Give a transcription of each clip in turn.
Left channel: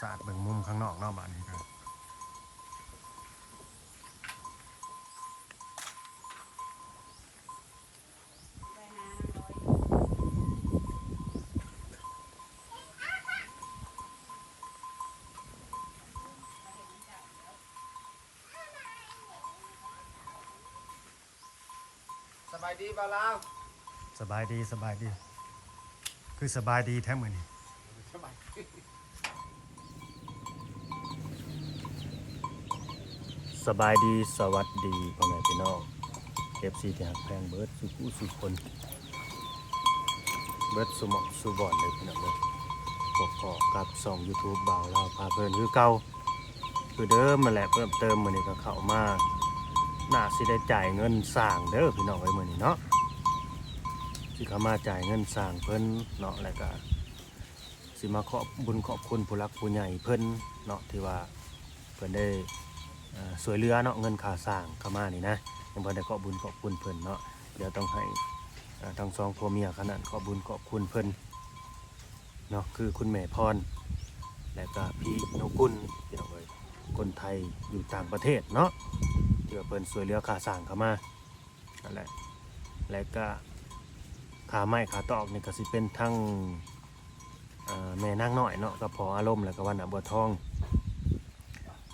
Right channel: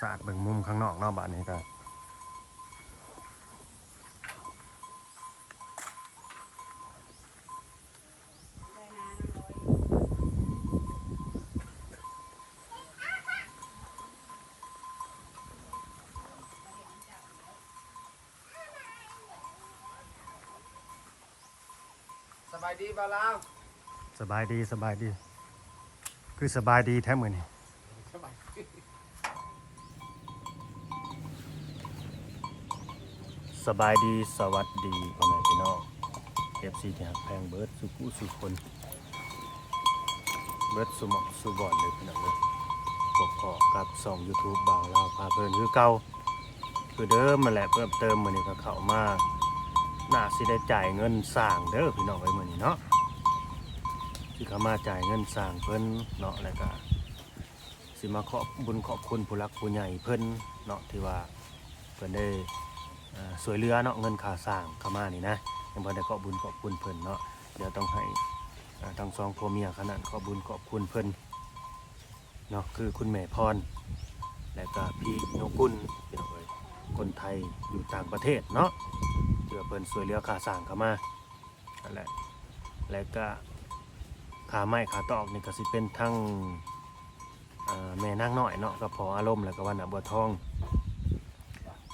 สาดเบิ่งมุมข้างนอกเนอกบ้านนี้ก็สบายดีบ่าวลาวสบายดีสบายดี คือสบายดีแท้มือนี่ส สบายดีสวัสดีพ่อแม่พี่น้องเอฟซีที่หักแพงเบิร์ดสุกุสุคนเบิร์ดสุมองสุบอนเลยพี่น้องเลยพบพอกับสองยูทูบบ่าวลาวพาเพลินคือเก่าคือเดิมมาแหละเพิ่มเติมมือนี้ก็เข้ามาน่าสิได้จ่ายเงินสร้างเด้อพี่น้องไว้มือนี้เนาะสิเขามาจ่ายเงินสร้างเพิ่นเนาะแล้วก็สิมาขอบบุญขอบคุณผู้รักผู้ใหญ่เพิ่นเนาะที่ว่าเพิ่นได้ สวยเรือเนาะเงินค่าสร้างเข้ามานี่นะยังพอได้ขอบบุญขอบคุณเพิ่นเนาะเดี๋ยวต้องให้อ่าทั้งสองผัวเมียขนาดขอบบุญขอบคุณเพิ่นเนาะคือคุณแม่พร และก็พี่นกุลพี่น้องเอ้ยคนไทยอยู่ต่างประเทศเนาะที่ว่าเพิ่นสวยเรือค่าสร้างเข้ามานั่นแหละและก็ขาไม้ขาตอกนี่ก็สิเป็นทั้งแม่นางน้อยเนาะกับพออารมณ์แล้วก็วันน่ะบัวทอง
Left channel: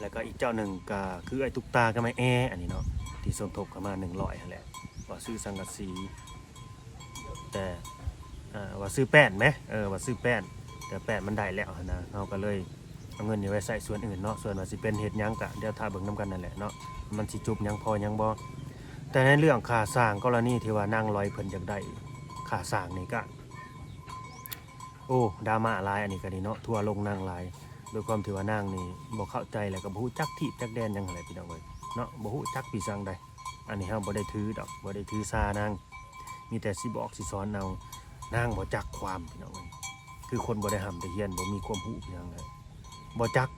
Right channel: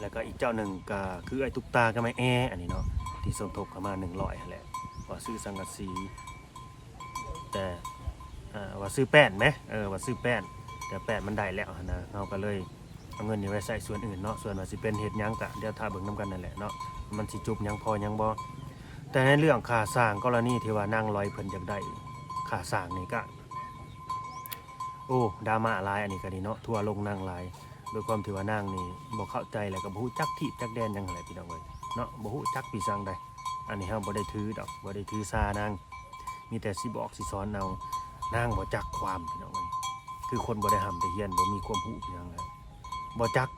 แล้วก็อีกเจ้าหนึ่งก็คือไอ้ตุกตากับไม้แออันนี้เนาะที่สมทบเข้ามาหนึ่งร้อยแหละว่าซื้อสังกะสี แต่ว่าซื้อแป้นไหมเออว่าซื้อแป้น แต่แป้นมันได้แล้วนะเราก็เลยเอาเงินนี้ไว้ใส่ส่วนอื่นเนาะส่วนว่าสิเป็นเห็ดยังกะเดี๋ยวถ้าเบิ่งน้กันนั่นแหละเนาะมันสิจุบยังพอยังบ่แต่ในเรื่องค่าสร้างกรณีที่ว่านั่งลอยเพิ่นอยากได้ค่าสร้างนี่ก็โอ้ดราม่าลายอันนี้ก็ดีเนาะทัวร์ลงนั่งลาย โดยความที่ว่านางนี่บ่เข้าใจแล้วก็บ่ฮู้จักที่จักแดนยังไรพี่น้องเอ้ยเนาะบ่ฮู้จักปีสังใดอันนี้เฮาบ่ได้ถือดอกบ่ได้ถือซานางมีแต่สิบอกสิสอนเอานางบ่จักความพี่น้องเอ้ยคือคนบ่ได้หำได้เฮียนบ่มีความรู้พี่น้องเลยบ่จัก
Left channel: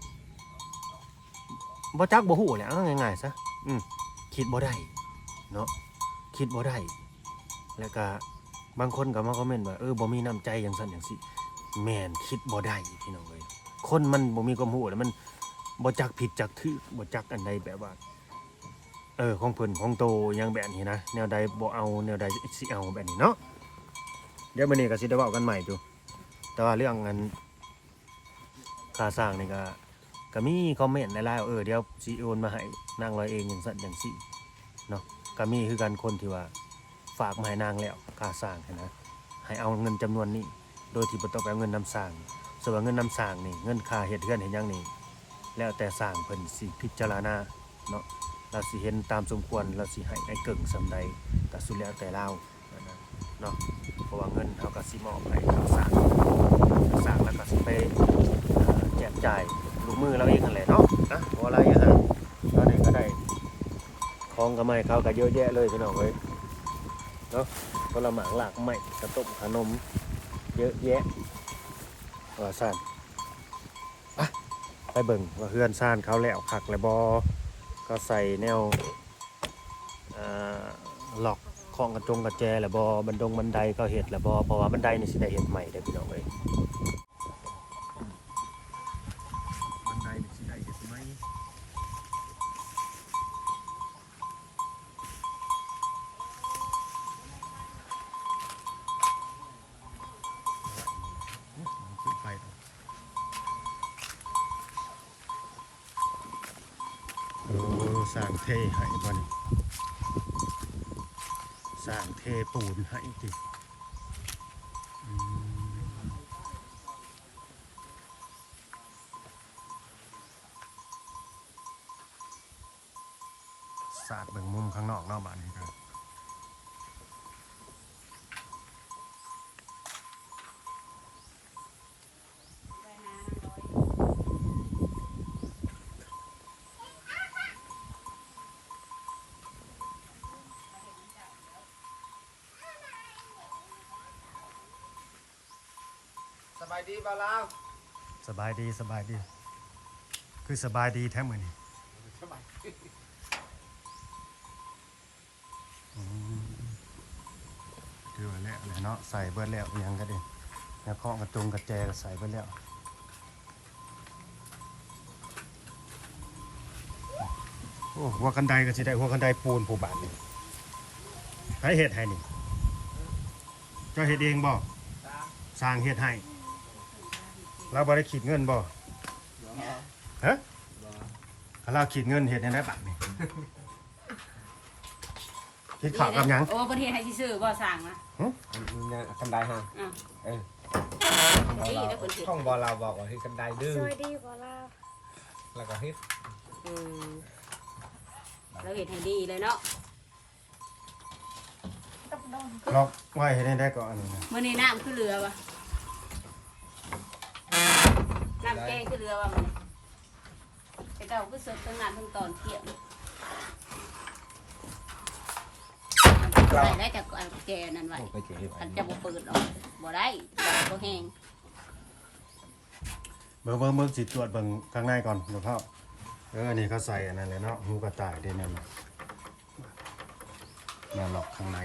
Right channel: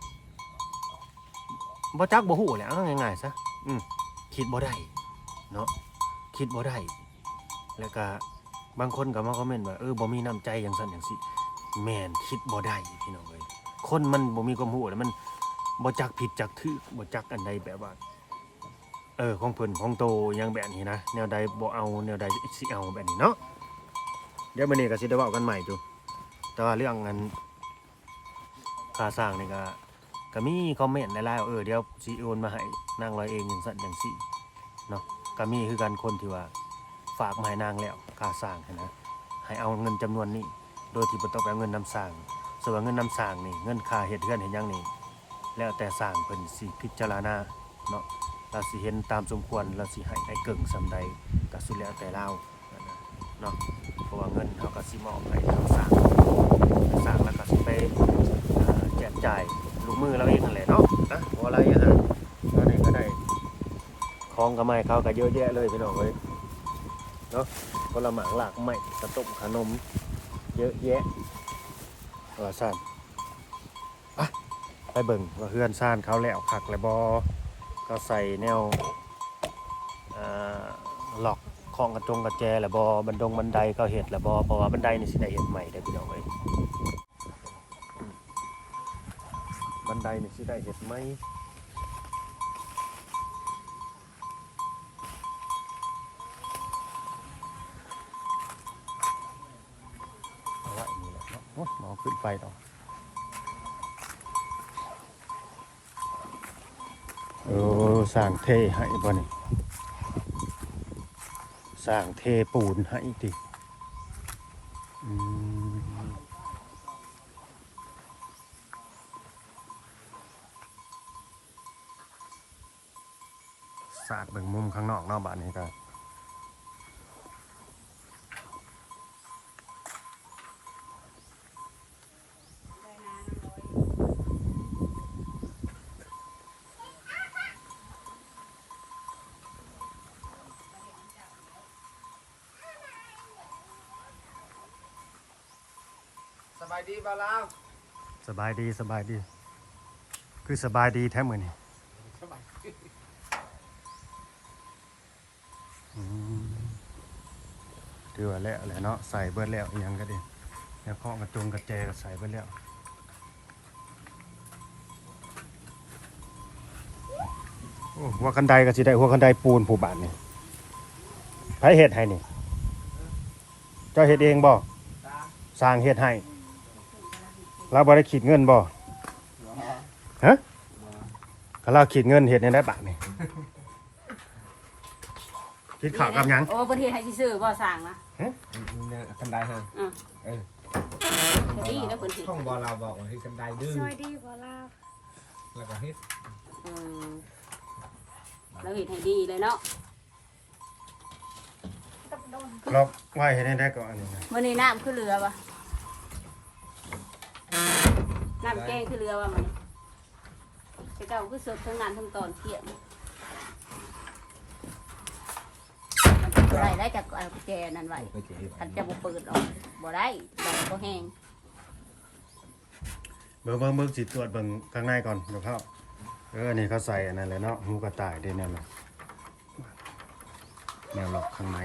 บ่จักบ่ฮู้แหละเอาง่ายๆซะอืมคิดบ่ได้เนาะคิดบ่ได้แล้วก็บางคนก็มาคอมเมนต์ว่าเออบ่มีน้ำใจจังซั่นจังซี่แม่นคิดบ่ได้พี่น้องเอ้ย คนมันบ่มีความรู้แล้วมันบ่จักผิดจักถือบ่จักอันใดแบบว่า เออของเพิ่นของโตยังแบบนี้นะแนวใดบ่เอาแนวใดสิเอาแบบนี้เนาะเดี๋ยวมื้อนี้ก็สิได้เว้ากันใหม่จูแต่ว่าเรื่องอันค่าสร้างนี่ก็ก็มีคอมเมนต์หลายๆว่าเออเดี๋ยวสิโอนมาให้นางร้อยเองจังซั่นจังซี่เนาะก็มีคือกันคนที่ว่าฝากมาให้นางแล้วค่าสร้างหั้นนะให้เอาเงินจำนวนนี้ โดยที่บ่ต้องไปเอาเงินนำสร้าง ส่วนว่าเงินนำสร้างนี่เงินค่าเฮ็ดเฮือนเฮ็ดหยังนี่แล้วแต่สร้างเพิ่นสิพิจารณาเนาะเราสิเห็นตามสมควรเราสิให้ไอ้เกิ่งสำใดก็สุดแล้วแต่เราเนาะเพราะว่าเงินเฮาก็สิมอบให้ทางสร้างสร้างแล้วก็สิไปแจกจ่ายลูกมือเราเองนั่นแหละเนาะนะบ่อะไรอะฮะตอนนี้ก็ได้ของก็ไม่เขาก็เยอะแยะเลยพี่น้องเอ้ยเนาะผลไม้หลากไม้กระต้มขนมเยอะแยะ ว่าซ่านไปไปเบิ่งว่าเฮือนซ่านเขาแล้วขักแล้วบอก็ใส่แนวหลอกของกระจงกระแจแล้วบอบันดงบันไดก็เห็ดแล้วบอเพราะว่าบันไดนี่สิได้เห็ดใหม่ได้พี่น้องเลยบันไดนี่สิได้เห็ดไหม ขึ้นไปต่อโอ้สร้างเทให้บ่นี่สร้างเทปูนให้ติอืมสาดเบิ่งมุมข้างนอกเนอกบ้านนี้ก็ ดีบาลาวสบายดีสบายดี คือสบายดีแท้เหมือนนี่สบาเดือแล้วแหละเนาะใส่เบิดแล้วยังก็ดีแล้วพ่อกระจงกระแจก็ใส่เบิดแล้วโอ้หัวกันไดก็สิได้หัวกันไดปูนผู้บานนี่ใครเห็ดให้นี่เจ้าเห็ดเองบ่สร้างเห็ดให้ เราบ่ได้คิดเงินบ่บ่ฮะบ่ถ้าเราคิดเงินเฮ็ดในได้บาทนี่คิดข้าวกับหยังโอ้ประเทศไทยซื่อๆบ่สั่งนะกันไดฮะอะเออดีแล้วคนถือท่องบอเราบอกว่าที่กันไดดื้อสวัสดีขอลาแล้วก็ฮิตเออเราเห็นให้ดีเลยเนาะกับโดนล็อกไว้เฮ็ดในได้ก่อนนี่นะมื้อนี้น้ำคือเรือปะ น้ำแกงคือเรือปะมื้อนี้ไปเก่าคือสดทั้งน้ำทั้งตอนเที่ยงได้ได้จากเอาแจนั่นไว้ไปเจ๊อันจะบ่เปิดออกบ่ได้ดังบ่แห้งเบิ่งเบิ่งเบิ่งสิตรวจเบิ่งข้างในก่อนเดี๋ยวเข้าเอออันนี้เขาใส่อันนั้นเลยเนาะหูกระต่ายได้แนวน่ะแนวล็อกข้างใน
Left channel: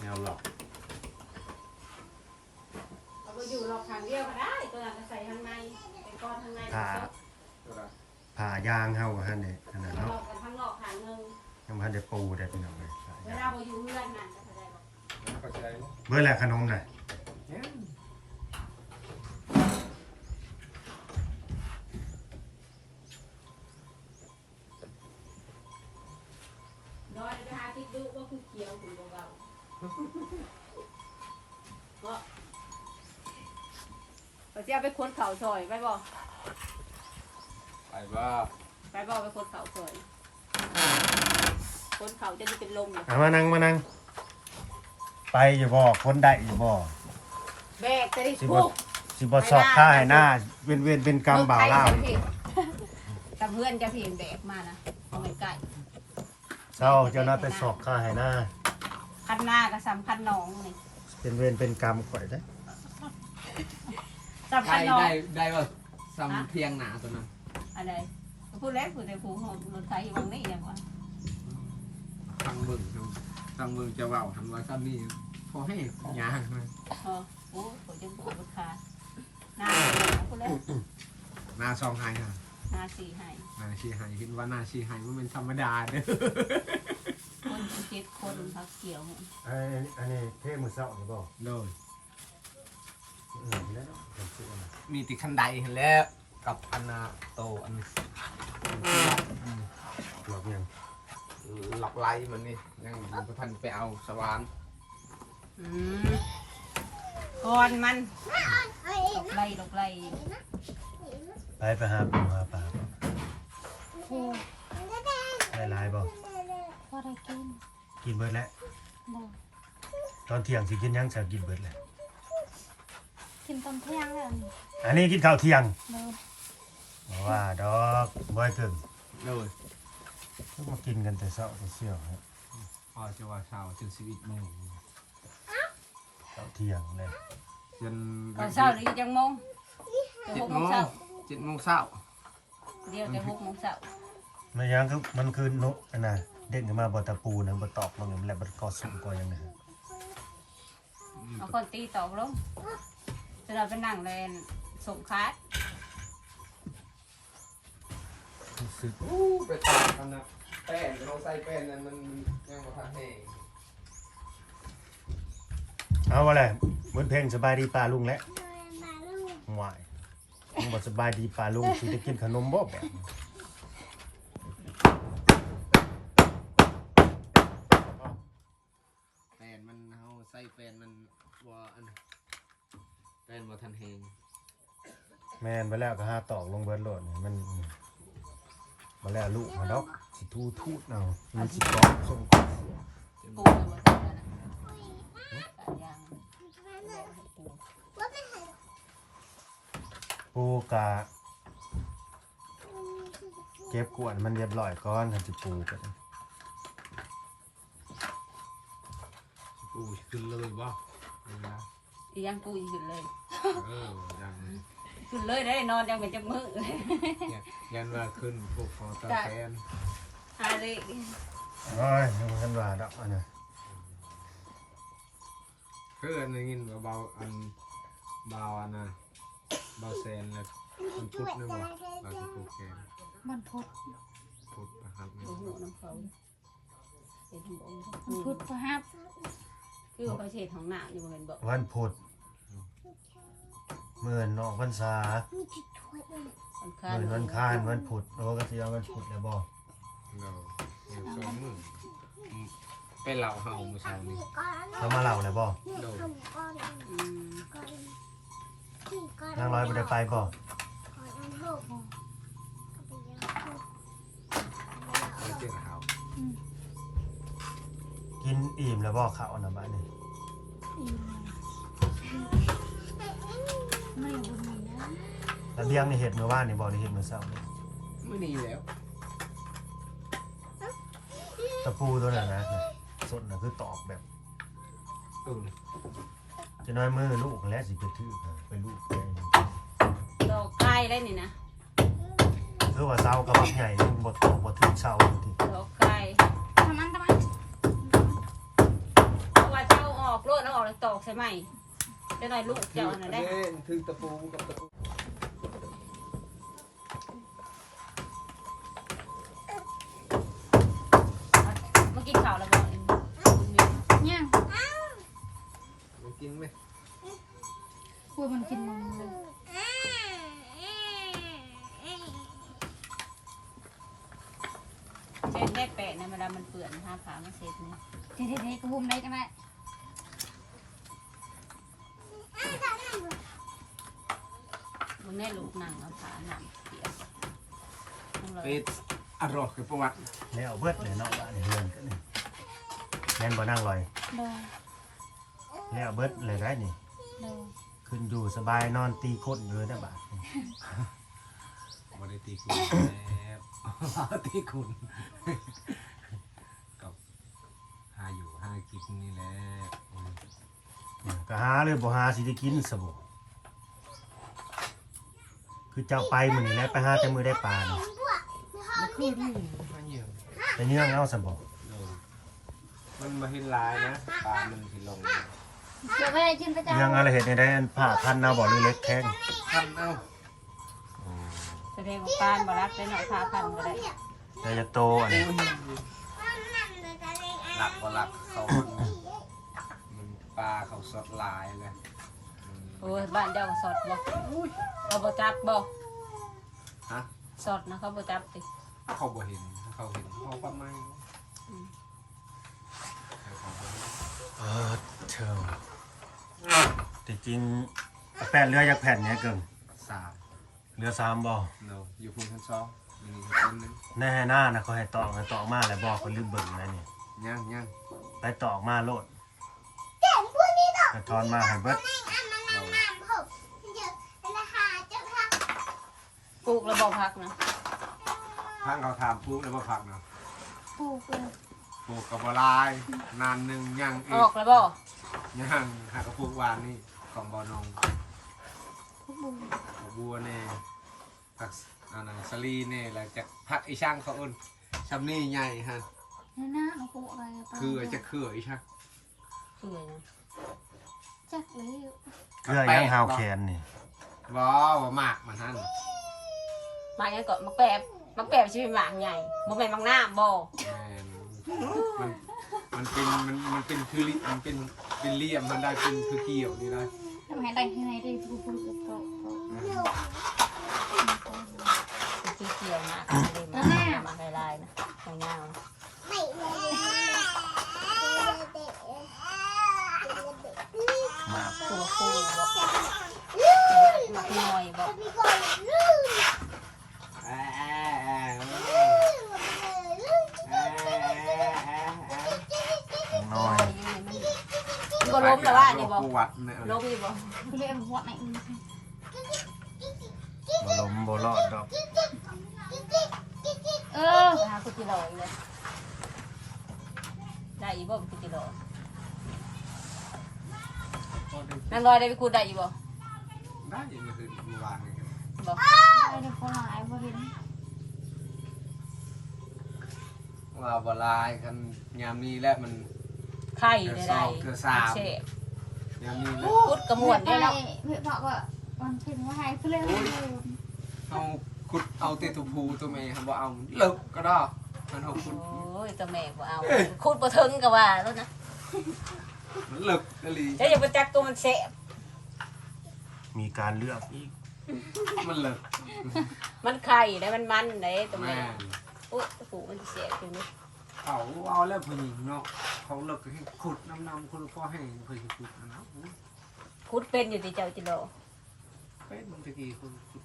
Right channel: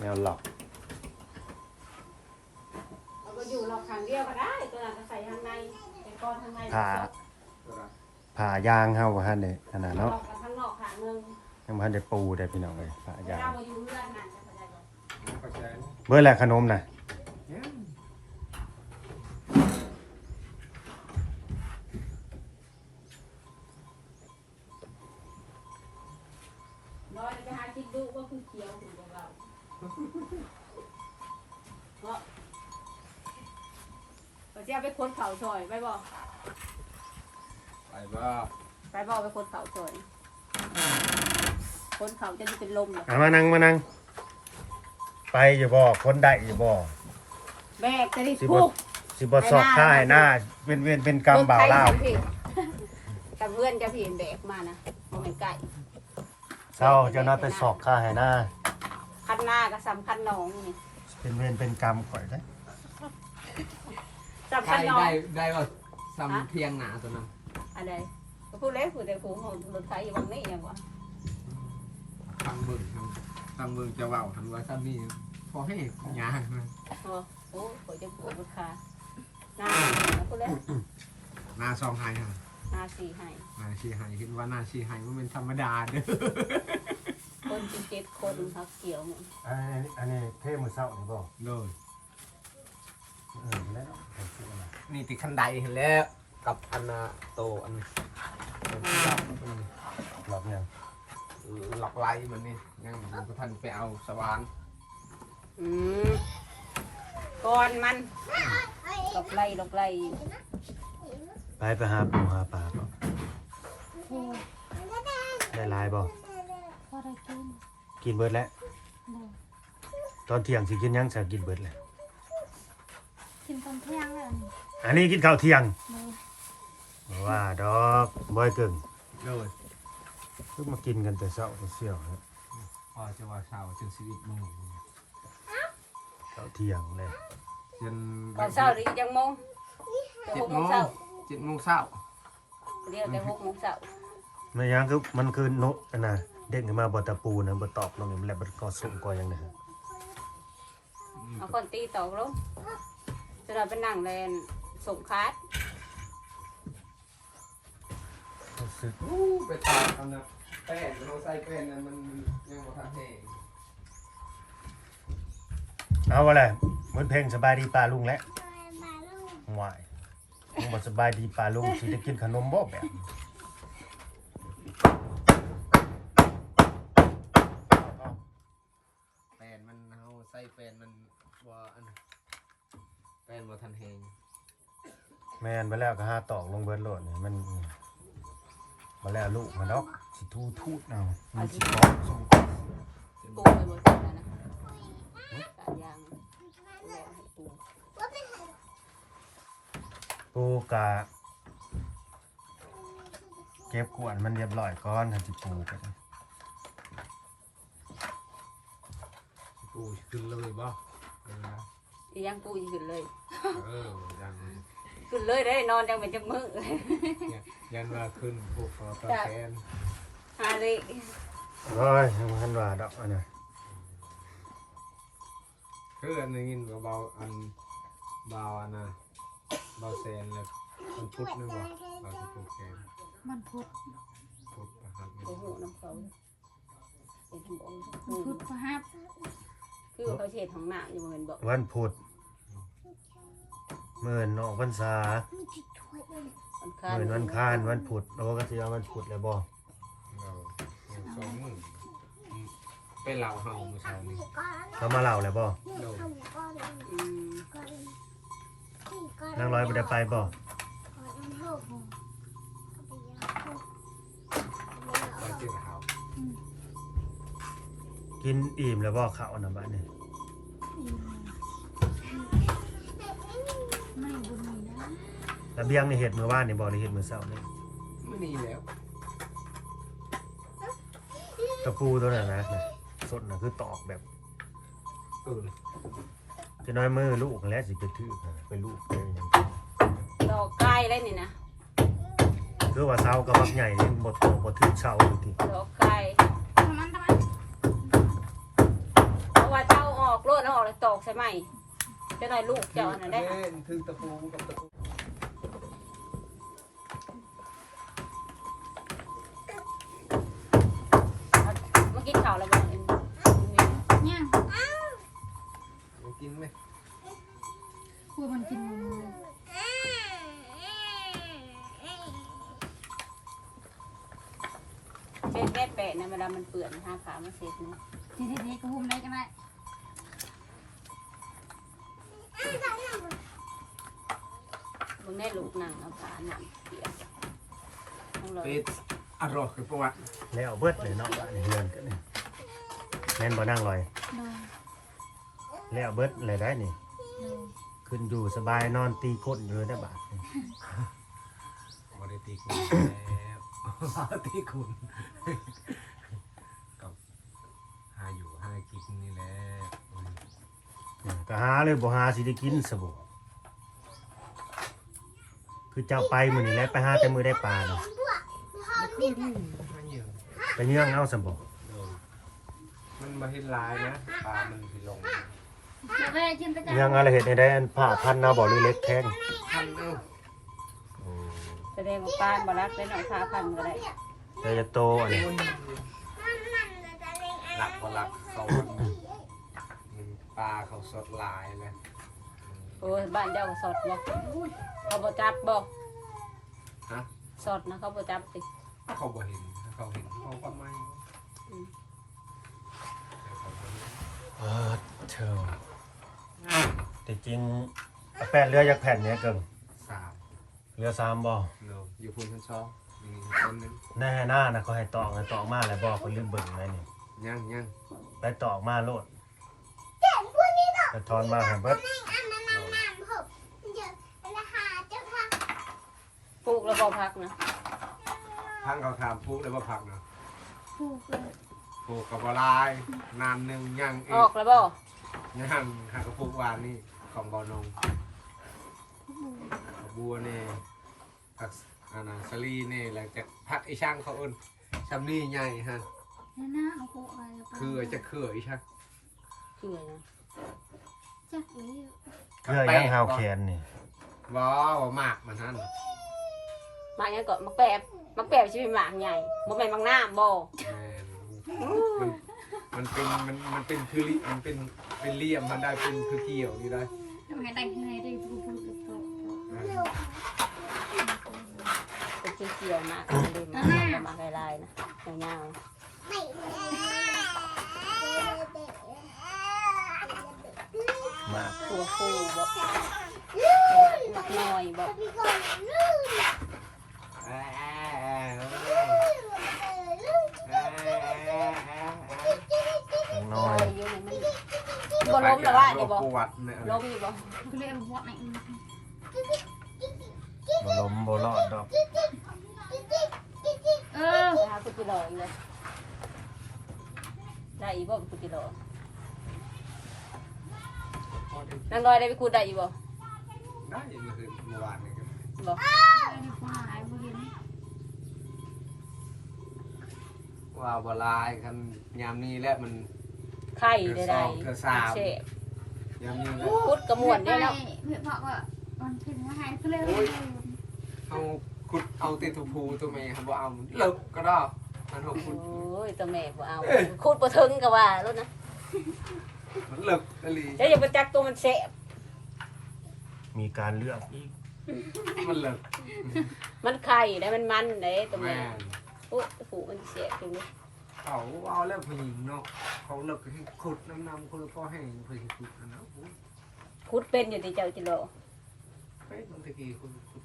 แนวล็อก เอาไปอยู่นอกทางเดียวก็ได้ตัวนั้นก็ใส่ข้างในเป็นก้อนข้างใน ผ่าผ่ายางเฮาบ่ทันได้ขนาด เนาะ เนาะ ข้างนอกข้างนึง ยังบ่ทั นได้ปูได้พี่น้องเลยผ่าเวยางลาไปอยู่เรือนนั่นจะได้บ่เข้าใจเบิ่งแหละขนมน่ะ เขาจะได้เป็นลมเหรออะมานั่งมานั่งไปอยู่บ่คนได้อยู่บ่แบกจะได้สิบ่ทุกสิบ่ซอกค่ายหน้าเว้นเว้นเป็นกรรมบ่าวลาวกับเพื่อนจะเพียนแบกมานะเอาไปไก่เช้าเจ้าน้าไปสอกค่ายหน้าพันหน้ากับสามพันน้องนี่เป็นเวรเป็นกรรมข่อยได้สามไกลพันน้องได้ได้ว่าซ้ำเพียงหนาตัวนั้นอะไรพูดเล็กพูดแต่ผูหอมรถไฟอยู่ตรงนี้เนี่ยว่ะ ทางเบิ่งทางทางเบิ่งจะเว่าหันว่าซ้ำนี่พอให้ยางนะพอโอ้โหจะปวดลูกค้าหน้าพูดเล็กหนาซองไฮฮะหน้าสี่ให้หนาชีไฮคิดว่าหนาชีไฮมันเป็นธรรมดาเด้อคนเป็นเจ็ดคนครับเกี่ยวเนี่ยอันนี้อันนี้เทมือเช้านี่บ่โดยเออแล้วมีติดคันไดเห็นแล้วกับอันนาโตอันหลอกยัง หลอกไล่มันนี่ยังยังพันไปเอาสว่านอืมก่อนมันลกไล่ลกไล่ไปไปหาปูหาปลาบ่ได้หลายบ่พอได้กินกินเบิดแล้วบ่ตอนเที่ยงสิกินหยังสักกินเบิดแล้วกินตอนเที่ยงแล้วนี่อันนี้กินข้าวเที่ยงเด้อบ่ว่าดอกบ่อยเกินโดย คือมากินกันแต่เช้าแต่เสี่ยวครับพอจะว่าเช้าจนสิบเอ็ดโมงข้าวเที่ยงเลยจนตอนเช้าหรือจังโมงเจ็ดหกโมโมงงเช้าเจ็ดโมงเช้าเรียกจะหกโมงเช้าไม่หยังคือมันคือนกอันน่ะเด็กขึ้นมาบ่ตะปูนะบ่ตอกลงนี่มันแล้วบ่ก่อสุ่มก่อหยังนะเอาคนตีตอกลงจะเราเป็นนั่งแลนสมคัดอู้ไปตากกันนะ แป้งเราใส่แป้งนั้นมันยังบ่ทันแห้งเอาว่าแหละเหมือนเพลงสบายดีปลาลุงแล้วหวายผมบ่สบายดีปลาลุงสิได้กินขนมบ่แบบแป้งมันเฮาใส่แป้งมันบ่อันแป้งบ่ทันแห้งแม่นไปแล้วก็หาตอกลงเบิดโลดนี่มันมาแล้วลูกมาดอก สิทูทูดเอามีสิตอกปูยังปูกะเก็บกวนมันเรียบร้อยก่อนทันสิปูกันอู้ขึ้นเลยบ่เอออียังปูอยู่เลย เออยังขึ้นเลยได้นอนยังเป็นจักมือยันยันว่าขึ้นพวกคอตาแกน อาดิโอ้ยมันว่าดอกอันน่ะคืออันนี้ยินว่าเบาอันเบาอันนะเบาแซนเลยมันพุทธนะบ่เบาที่พุทธแกนมันพุดพุทธนะครับนี่โอ้โหน้องเขาเห็นบอกมันพุดพระฮับคือประเทศของหน้าอยู่เหมือนบอกวันพุธเมื่อนออกพรรษาเมื่อนวันคานวันพุธโอ้ก็สิเอาวันพุธแล้วบ่ เราเอาสองมืออืมเป็นเหล่าเฮาเมื่อเช้านี้เรามาเล่าแล้วบ่โดนอืมนางร้อยบ่ได้ไปบ่ไปเจอเขากินอิ่มแล้วบ่ข้าวน่ะบัดนี้อีไม่บุญมีนะระเบียงนี่เฮ็ดมื้อวานนี่บ่ได้เฮ็ดมื้อเช้านี่ไม่ดีแล้ว ตะปูตัวนั้นนะน่ะสดน่ะคือตอกแบบเออจะน้อยมือลูกแล้วสิไปถือค่ะไปลูกเองเราใกล้ได้นี่นะคือว่าเสาก็บักใหญ่นี่บ่ตอกบ่ถึงเสาบางทีเราใกล้ทำมันทำไมตัวเจ้าออกโลดแล้วออกแล้วตอกใช่ไหมจะได้ลูกถืเจ้าอน่ะเล่ได้นถือตะปูกับตะปู กินมันเช็ดแม่แปะนะเวลามันเปื่อนห้าขามันเช็ดนะทีทีทีก็หุ่มได้จังไรมึงแม่ลูกหนังเอาขาหนังเปียกต้องรอเป็ดอร่อยคือประวัติแล้วเบิดเลยเนาะบ้านนี่เฮือนกันนี่แม่นบ่นั่งลอยเดินแล้วเบิดเลยได้นี่เดิ ขึ้นอยู่สบายนอนตีคนอยู่ได้บาดนี่บริตีคุณแล้วตีคุณกับหาอยู่หากินนี่แหละอืมอืมก็หาเลยบ่หาสิได้กินซะบ่คือเจ้าไปมื้อนี้แหล้วไปหาแต่มื้อได้ปลานี่มันคือนี่หาเหยื่อไปเยื่องเอาซะบ่เออมันมาเห็นลายนะปลามันสิลง เดี๋ยวไปกินประจำเยื่องอะไรเฮ็ดให้ได้อันผ้าพันเอาบ่หรือเล็กแข้งทันเอ้าโอ้แสดงว่าการบรักได้หน่อยพาคำก็ได้แต่จะโตอันนี้หลักก็หลักเขามันปลาเขาสดลายเลยอืมโอ้ยบ้านเจ้าก็สดเลยเขาบจับบ่ฮะสดนะเขาบจับติถ้าเขาบ่เห็นถ้าเขาเห็นเขาก็ไม่อืมเออเชิง แต่จริงเอาแป้นเรือจากแผ่นเนี้ยเกิงสามเรือสามบ่เราอยู่พุ่นชั้นสองมีคนนึงแน่หน้านะเขาให้ตอกให้ตอกมาแล้วบอกคนลืมเบิ่งอะไรนี่ย่างย่างไปตอกมาโลดไปทอนมาให้เบิดเราปลูกระบบพักนะทางเขาถามปลูกเลยว่าผักเนาะผูกเลยปลูกกับลายนานหนึ่งย่างเอออกกแล้วบ่ ย่างหากระปลูกวานนี่ของบอนองผูกบุญผักบัวเน่ผักอันนั้นสลีเน่หลังจากผักไอช่างเขาเอิ้นชำนี่ใหญ่ฮะนั่นนะเอาผูกอะไรไปคือจะเขื่อไอช่างคือจักเลยเรือยังหาวแขนนี่บ่บ่มากมันนั่นมายังก่อนมาแปะมาแปะชีวิตหมางใหญ่มึงแม่นบางหน้าบ่แมนมันมันเป็นมันมันเป็นคือลิมันเป็น เป็นเหลี่ยมมันได้เป็นคือเกี่ยวนี่ได้ทำไงได้ที่ไหนได้ผูกผูกโตโตอืมเป็นเกี่ยวๆนะมาให้ลายนะยาว มาก ๆคือคือบอกบอกหน่อยบอก อ่าอ่าอ่า อย่างน้อย ยืน อ่าไปกับโรคปวดเนี่ยล้มอยู่บ่เรียกวัดไหนบ่ล้มบ่รอดดอกเออหากุฏิหลอกอีกได้อีบ่กุฏิหลอกนางลอยได้ไปกูได้อีบ่ได้ยินคือเมื่อวานนี่ก็บ่ได้พอหลายพอเห็นว่าบลายคันยามนี้แหละมันไข่ได้ได้เช็ด ยังมีนะพุดกระมวลไปได้เนาะเพื่อบอกว่ามันถึงว่าให้เพื่อนเลยเอาขุดเอาตีทุพูตัวแม่ครับบ่เอาเลิกก็ได้มันบอกขุดโอ้ยตัวแม่กูเอาคูดบ่ถึงก็ว่าแล้วนะมันเลิกอะลีเดี๋ยวอย่าไปจักตัวมันเสะมีการเลือกอีกมันเลิกมันไข่แล้วมันมันไหนตัวแม่แม่นปุ๊บปุ๊บมันเสียจริง เขาเอาแล้วผู้หญิงเนาะเขาเลิกให้ขุดน้ำน้ำคนก็ให้ผู้หญิงขุดนะคุดเป็นอยู่ที่เจ้าจิโร่เป็นบางทีขุดขุด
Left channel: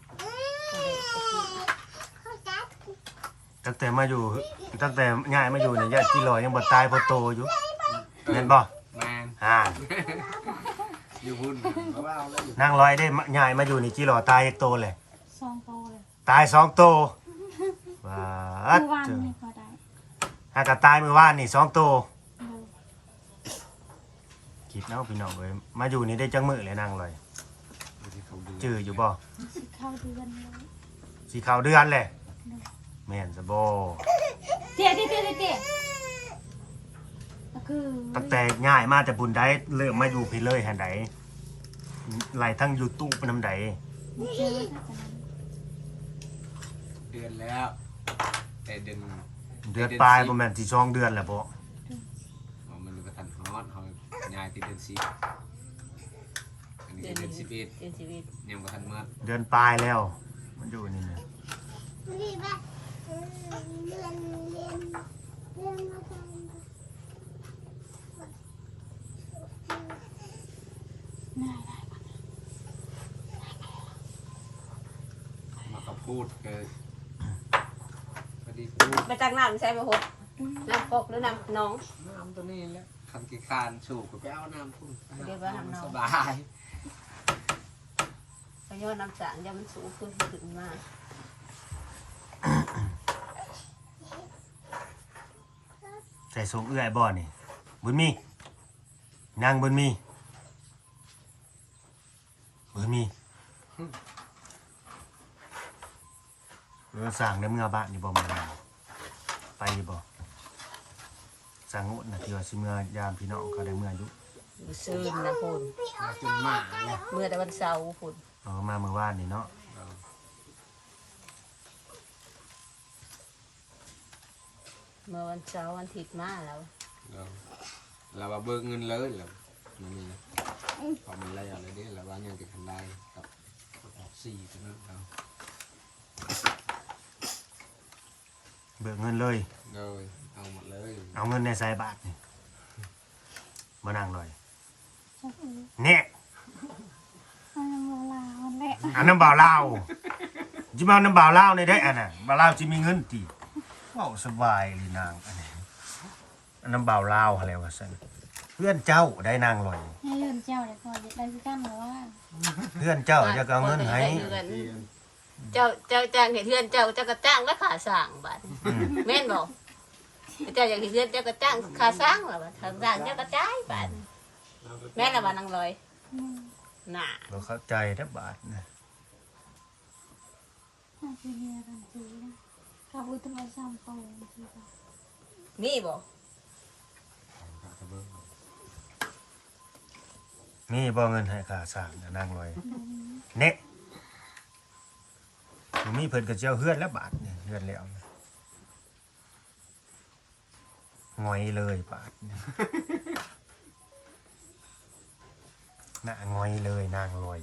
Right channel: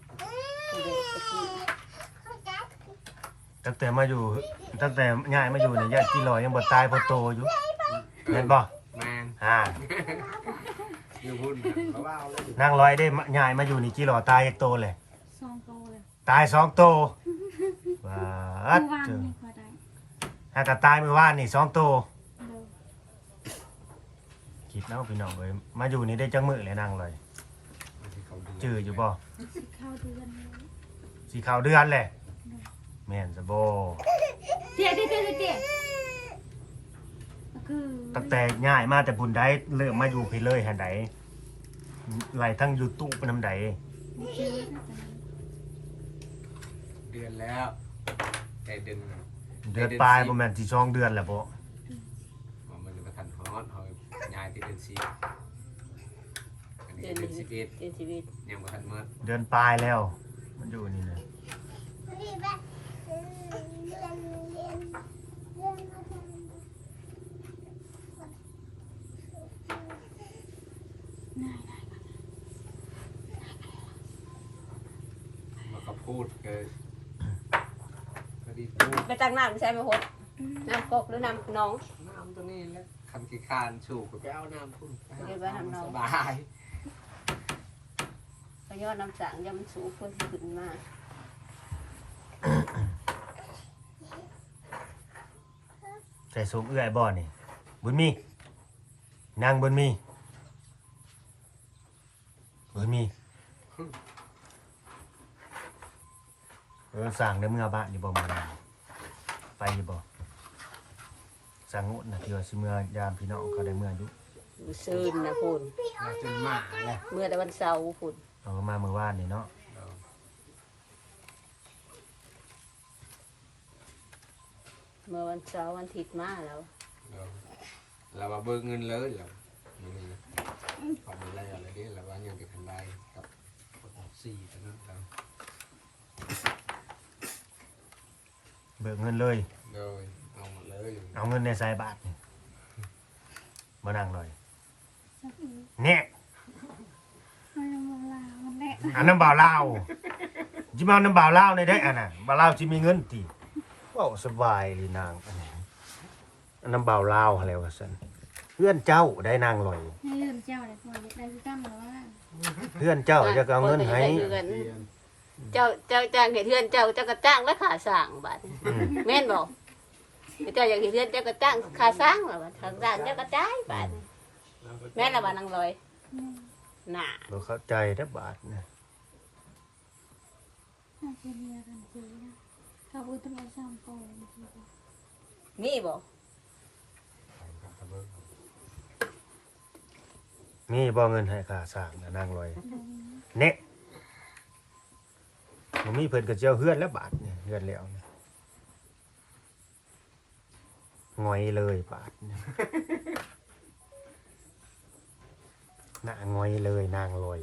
ตั้งแต่มาอยู่ตั้งแต่ย้ายมาอยู่เนี่ยญาติพี่ลอยยังบ่ตายเพอโตอยู่แม่นบ่แมนอ่าอยู่บุญเขาเอาแล้วนางลอยได้มาย้ายมาอยู่นี่กี่หล่อตายอีกโตเลยสองโตเลยตายสองโตว้าเมื่ อวานเจ้านี่พอได้หากะตายเมื่อวานนี่สองโตเลยคิดเนาะพี่น้องเอ้ยมาอยู่นี่ได้จังมื้อเลยนางลอยจื้ออยู่บ่สิเข้าเดือนเลยสีขาวเดือนแหละแม่นซะบ่เตี้ยเตี้ยเตี้ยเตี้ยก็คือตั้งแต่ย้ายมาแต่บุญได้เริ่มมาอยู่พี่เลยหันใดไหลทั้ง YouTube นำใดเตี้ยเดือนแล้ว แต่ดึง เดือนปลายบ่แม่นสิสองเดือนแล้วบ่มันก็ทันฮอตเขายายติดเดือนสี่อันนี้เดือนเดือนสิบเอ็ดเดือนชีวิตยังบ่ทันหมดเดือนปลายแล้ว มันอยู่นี่นะมาก็พูดเกิดพอดีพูด ไป จักน้ำใช่ไหมหกน้ำปกหรือน้ำน้องน้ำตัวนี้แล้วคันกี่คานสูบก็ไปเอาน้ำพุ่นไปหาน้ำสบายไปยอดน้ำสางยังมันสูงขึ้นขึ้นมาใส่สูงเอื้อยบ่นี่บุญมีนางบุญมีบุญมีเออสั่งในเมื่อบ้านนี่บ่มา ไปอยู่บ่สั่งงดนะที่ว่าสิเมื่อยามพี่น้องเขาได้เมื่ออยู่อยู่ซื่นนะคุณมาจนหมาเลยเมื่อแต่วันเสาร์คุณเออมาเมื่อวานนี่เนาะเมื่อวันเสาร์วันอาทิตย์มาแล้วเราเราว่าเบิกเงินเลยเรานี่เอามันเลยอะไรนี่เราว่ายังติดคันได้ครับสี่ถึงเรา เบิกเงินเลยเลยเอาหมดเลยเอาเงินในสายบาทนี่มานั่งเลยจักเออเนี่ยมันโบราณแหละอันน้ำบ่าวลาวจิมาเอาน้ำบ่าวลาวในได้อันน่ะบ่าวลาวจิมีเงินตีว้าวสบายเลยนางอันนี้อันน้ำบ่าวลาวอะไรวะสันเพื่อนเจ้าได้นางลอย ให้เงินเจ้าเลยพอได้ที่ตั้งหรือว่าเพื่อนเจ้าจะเอาเงินให้ เจ้าเจ้าจ้างเห็นเพื่อนเจ้าเจ้าก็จ้างและขาสร้างบัดอืมแม่นบอกเจ้าอยากเห็นเพื่อนเจ้าก็จ้างขาสร้างแบบทางจ้างเจ้าก็จ่ายบัดแม่นละบัดนางลอยอืมน่ะเราเข้าใจนะบาทนะถ้าจะมีกันทีนะเขาพูดทำไมซ้ำไปทีละมีบอกนี่บ่เงินให้ค่าสร้างนะนางลอยเนะ มันมีเพิ่นกับเจ้าเฮือนแล้วบาทเนี่ยเฮือนแล้วงอยเลยบาทหน้างอยเลยนางลอย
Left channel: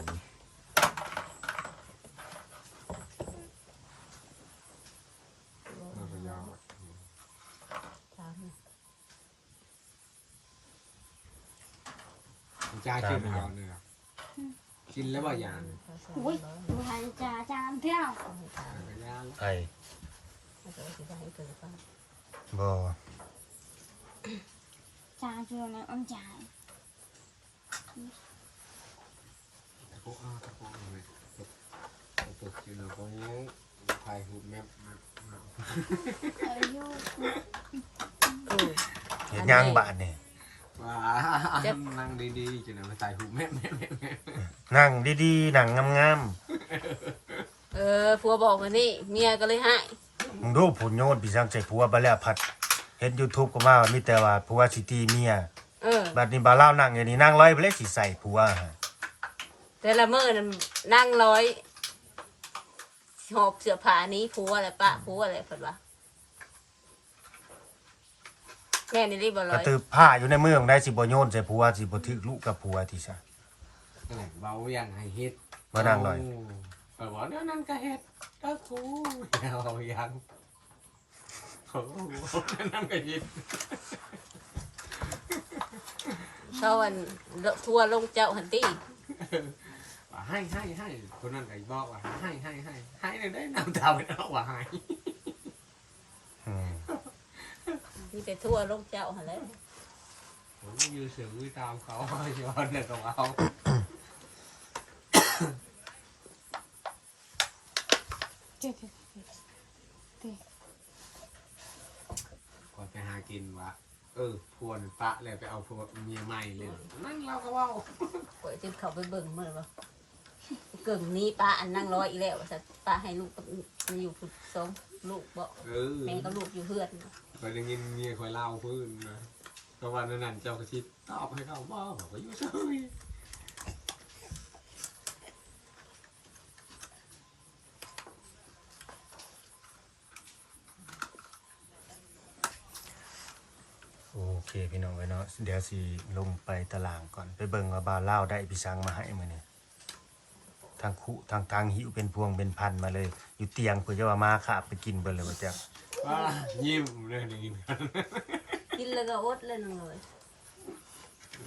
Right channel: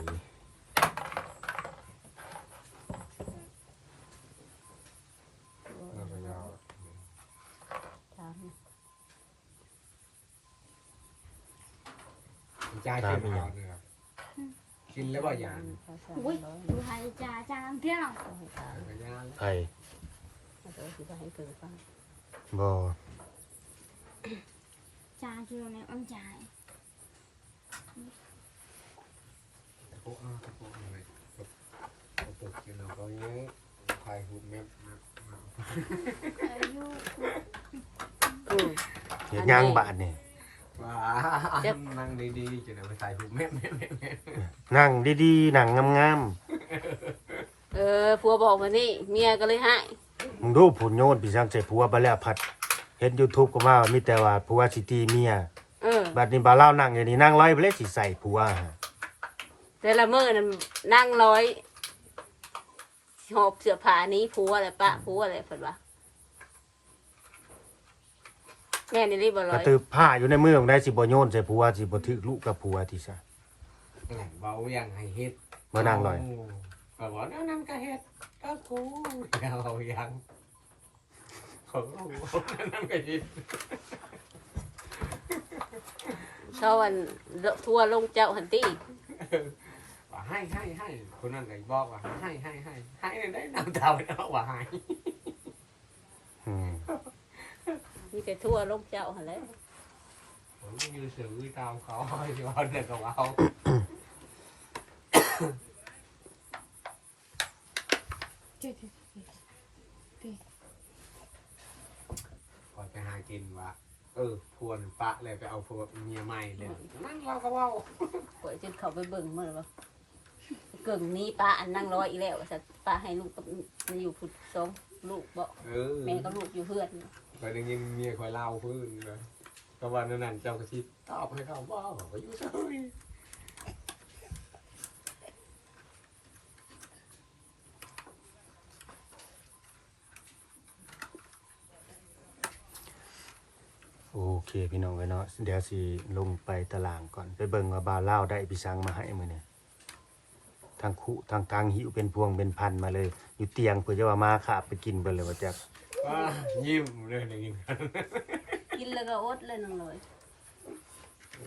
จ่ายขึ้นเอาเนี่ย กินแล้วว่าอย่างอุ้ยดูหายจ่าจามเที่ยวก็ยาแล้วไผบ่จ่าเจอในอ้นจ่ายตะโกนตะโกนเลยตะโกนกินเขาเนี้ยถ่ายรูปแมพอายุเฮ็ดหยังบาทนี่ว้า นั่งดีๆจะได้ไปถ่ายรูปแมพแมพแมพแมพนั่งดีๆนั่งงามเออผัวบอกว่านี่เมียก็เลยให้ๆมึงดูผลโยนพี่สังใจผัวบ่แล้วพัดเฮ็ด YouTube ก็มาว่ามีแต่ว่าผัวสิตีเมียเออ บัดนี้บ่าวเล่าวนั่งอยู่นี่นั่งร้อยไปเลยสิใส่ผัวฮะแต่ละมื้อนั้นนั่งร้อยหอบเสื้อผ้าหนี้ผัวอะไรปะผัวอะไรเพิ่นว่า แม่นี่รีบบ่ร้กระอยตือผ้าอยู่ในมือของได้สิบ่โยนใส่ผัวสิบ่ถึกลูกกับผัวที่ซะแหละเบาอย่างให้เฮ็ดมานั่งลอยก็บอกเดี๋ยวนั่งก็เฮ็ดก็กูเอาอย่างเขานั่งก็เฮ็ดเช้าวันทัวร์ลงเจ้าหันตีว่าให้ให้ให้คนนั้นก็บอกว่าให้ให้ให้ให้เนี่ยได้น้ำตาไปแล้วว่าให้ อืม มีแต่ทัวร์ลงเจ้าหันแหล้วผมยืนสื่อตามเขาอยู่ว่าเด็กกับเราเจ๊เจ๊ก่อนไปหากินวะเออพวนปะเลยไปเอาพวกเมียใหม่เลย นั่นเราก็ว่าข่อยจะเข้าไปเบิ่งมื้อบ่เกิ่งนี้ป้าอันนั่งร้อยอีแล้วสัตว์ป้าให้ลูกกับมาอยู่คือสองลูกบ่เออ แม่ก็ลูกอยู่เพื่อนเคอยได้ยินเมียคอยเล่าพื้นเลยก็วันนั้นเจ้ากระชิบตอบให้เขาว่าบอกว่าอยู่เฉยโอเคพี่น้องเอ้ยเนาะเดี๋ยวสิลงไปตารางก่อนไปเบิ่งว่าบาวเล่าวได้พี่สังมาให้มื้อนี้ทางคุทางทางหิวเป็นพวงเป็นพันมาเลย อยู่เตียงเพื่อจะว่ามาขาบไปกินเบิ่เลยว่าจัก ว่ายิ้มเลยได้ยินกันกินแล้วก็อดเลยนึงเลย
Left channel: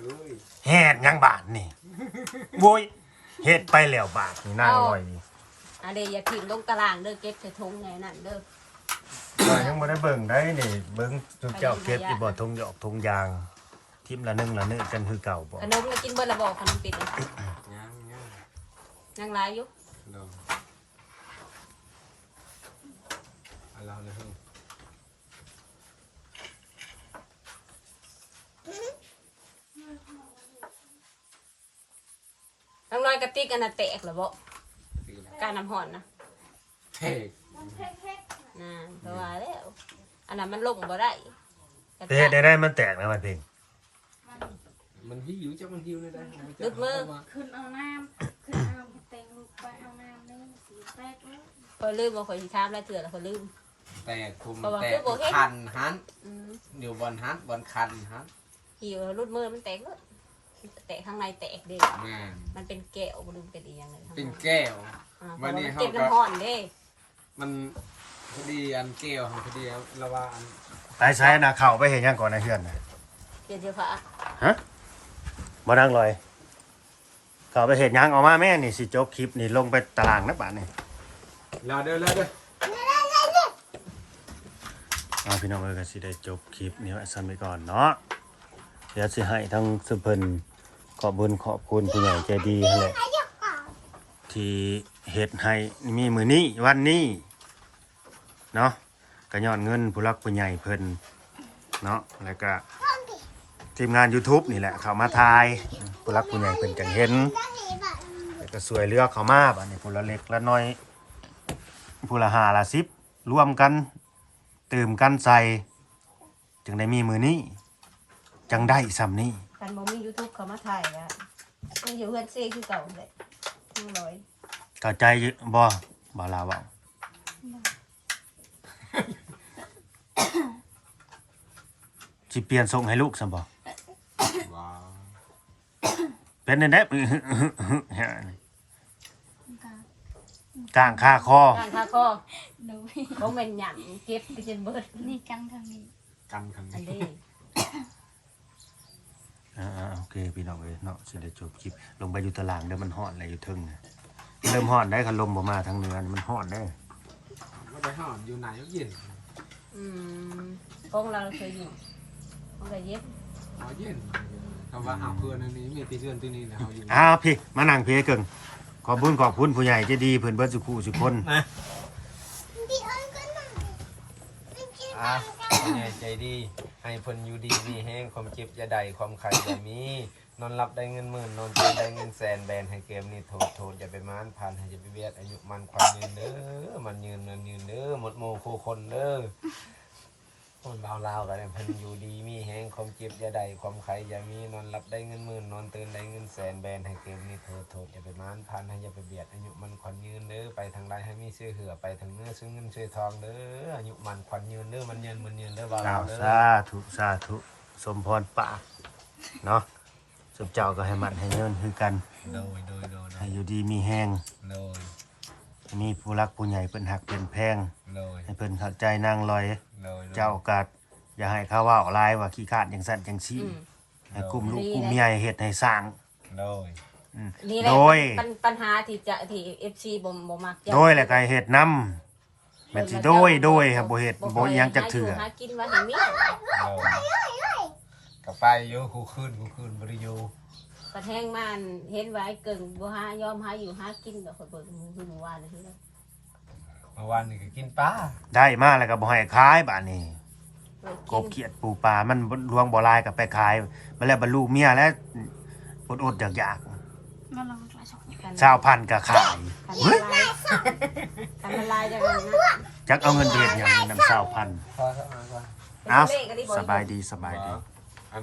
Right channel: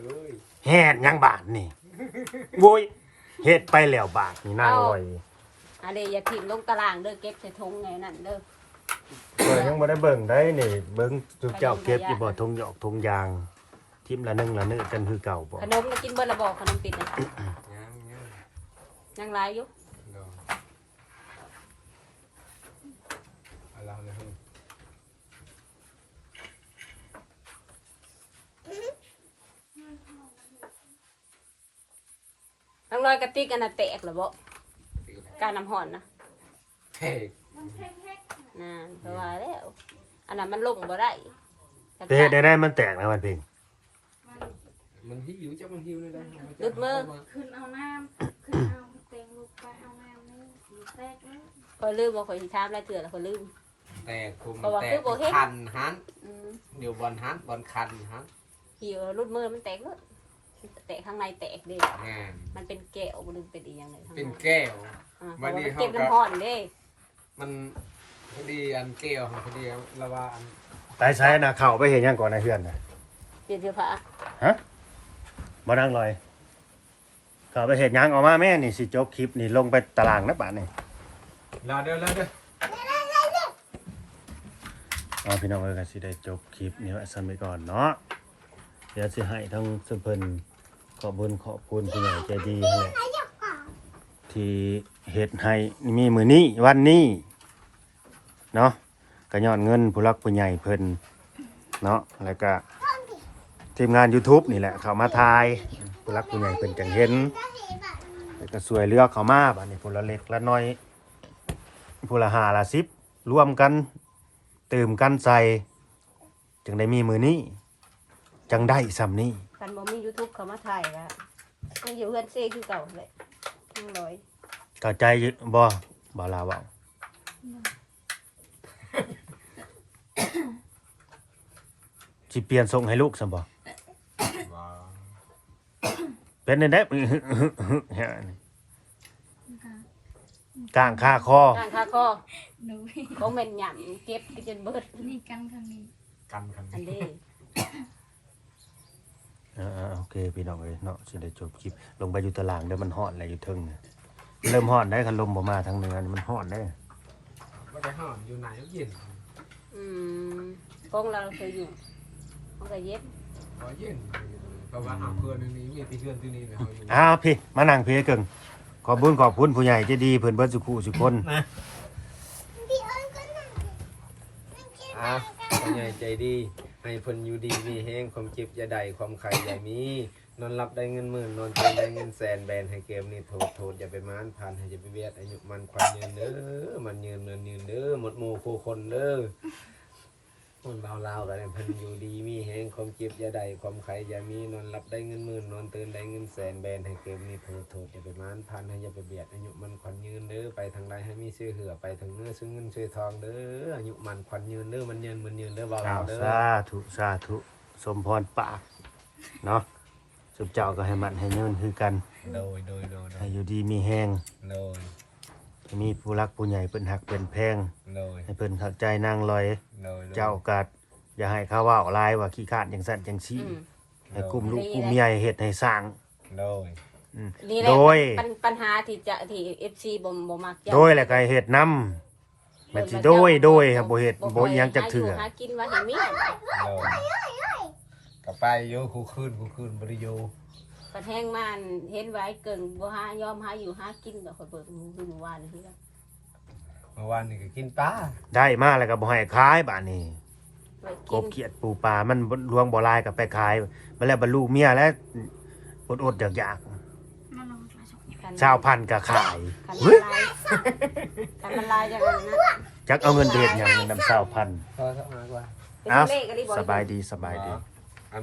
เอ้ยแฮ็ดหยังบาดนี่โว้ยเฮ็ดไปแล้วบาดนี่นั่งลอยอันนี้อย่ากินลงตารางเด้อเก็บใส่ถุงไงนั่นเด้อก็ยังบ่ได้เบิ่งได้นี่เบิ่งทุกเจ้าเก็บอยู่บ่ทงหยอกทงยาง ทิมละหนึงละนึกันคือเก่าบ่ขนมนี่กินเบิ่ละบอกขนมปิดนะยังยังยังหลายอยู่ เนาะเอาเราเลย ยัง ร้อยกระติกอันน่ะแตกแล้วบ่การน้ำห่อนนะเฮ้ยน่ะเพราะว่าแล้วอันนั้นมันลงบ่ได้ไปเฮ็ดได้ได้มันแตกนะมันเพ่งมันหิวจะมันหิวเลยนะขึ้นเอาน้ำขึ้นเอาเต็งลูกไปเอาน้ำนี่สีแตกนี่พอยลืมว่าข่อยสิถามแล้วเตือนแล้วข่อยลืมแต่คุมแต่คันฮันอืมเดี๋ยวบอลฮันบอลคันฮันขี่แล้วรุดมือมันแตกเบิดแต กข้างในแตกเด้แม่นมันเป็นแก้วมันเป็นอีหยังเลยเป็นแก้วอ่าวันนี้เขาเก็บก็น้ำห่อนเด้มันพอดีอันแก้วพอดีละว่าไปใช้นะเข้าไปเฮ็ดหยังก่อนนะเฮือนน่ะเดี๋ยวเดี๋ยวพระฮะบ่นั่งลอย เข้าไปเฮ็ดหยังออกมาแม่นี่สิจบคลิปนี่ลงไปตารางนะบาดนี่ลาเด้อลาเด้ออ่าพี่น้องเอ้ยก็สิได้จบคลิปนี้ไว้ซั่นไปก่อนเนาะเดี๋ยวสิให้ทั้งสุเพิ่น ขอบุญขอบคุณผู้ใหญ่ใจดีนั่นแหละที่เฮ็ดให้มีมือนี้วันนี้เนาะก็ยอดเงินผู้รักผู้ใหญ่เพิ่นเนาะแล้วก็ทีมงาน YouTube นี่แหละเข้ามาทายผู้รักผู้ใหญ่เพิ่นจังเห็นแล้วก็สวยเลือกเขามาบัดนี้ผู้ละเล็กละน้อยผู้ละหาละ10รวมกันเตื่มกันใส่ จึงได้มีมือนี้ จังได้สำนี้ กันบ่มี YouTube เขามาถ่ายนะ มันอยู่เฮือนเซ่คือเก่าเลยนี่ร้อยเข้าใจอยู่บ่บ่ลาเว้าสิเปลี่ยนทรงให้ลูกซั่นบ่ว้าวเป็นได้กลางคาคอ การทาก็หนูบ่แม่นหยังเก็บไปจนเบิดนี่กันทางนี้กันคันอันนี้นี้ อ่าๆโอเคพี่น้องเอ้ยเนาะสิได้จบคลิปลงไปอยู่ตารางเด้อมันฮ้อนแล้วอยู่เทิงน่ะเริ่มฮ้อนได้คันลมบ่มาทางเหนือนี่มันฮ้อนได้ว่าไปห้องอยู่ไหนก็เย็นอืมกองเราเคยอยู่มันก็เย็บว่าเย็นเพราะว่าหาเพื่อนอันนี้มีตีเพื่อนที่นี่นะเขาอยู่อ้าวพี่มานั่งพี่เกิงขอบคุญขอบคุณผู้ใหญ่ใจดีเพิ่นเบิดสุขุสุคนอะผู้ใหญ่ใจดี ให้เพิ่นอยู่ดีมีแห้งความเจ็บอย่าใดความไข่อย่ามี นอนรับได้เงินหมื่นนอนตื่นได้เงินแสนแบนให้เกมนี่โทษโทษอย่าไปมานผ่านให้จะไปเบียดอายุมันความยืนเด้อมันยืนเนินยืนเด้อหมดโมโคคนเด้อ คนบ่าวลาวกันเนี่ยเพิ่นอยู่ดีมีแฮงความเจ็บอย่าได้ความไข้อย่ามีนอนหลับได้เงินหมื่นนอนตื่นได้เงินแสนแบนให้เกมนี้โทษโทษอย่าไปมานพันให้อย่าไปเบียดอายุมันขวัญยืนเด้อไปทางใดให้มีชื่อเหือไปทางเนื้อซึ่งเงินชื่อทองเด้ออายุมันขวัญยืนเด้อมันยืนมันยืนเด้อบ่าวอ้าลาววเด้อสาธุสาธุสมพรปากเนาะสุบเจ้าก็ให้มันให้เงินคือกันโดยโดยโดยโดให้ยอยู่ดีมีแห้งโดยให้มีผู้รักผู้ใหญ่เพิ่นหักเป็นแพงโดยให้เพิ่นเข้าใจนางลอย โดยเจ้าโอกาสอย่าให้เขาเว่าลายว่าขี้ขาดจังสั่นจังซี่อืมให้กลุ่มลูกกลุ่มเมียให้เฮ็ดให้สร้างโดยอืมนี่แหละโดย ปัญปัญหาที่จะที่ FC บ่บ่มักจะโดยแล้วก็ให้เฮ็ดนํแม่นสิโดยโดยครับบ่เฮ็ดบ่อิหยังจักเถื่อ หากินมาให้มีโดยกลับไปอยู่คูคืนคูคืนบ่ได้อยู่กระแทงมันเฮ็ดไว้เกิงบ่หายอมหาอยู่หากินแล้วก็เปิดมือขึ้นมาว่าเลยทีเดียว เมื่อวานนี่ก็กินปลาได้มาแล้วก็บ่ให้ขายบาดนี้ กบเขียดปูปลา มันบ่ลวงบ่ลายก็ไปขายมาแล้วบรรลุเมียแล้วอดๆอยากนั่นเราจะสองๆชาวพันธุ์ก็ขายเฮ้ยอันตรายอย่างนั้นนะจักเอาเงินไปเฮ็ดหยังนำชาวพันธุ์พอสักหน่อยกว่าอ้าวสบายดีสบายดีอัน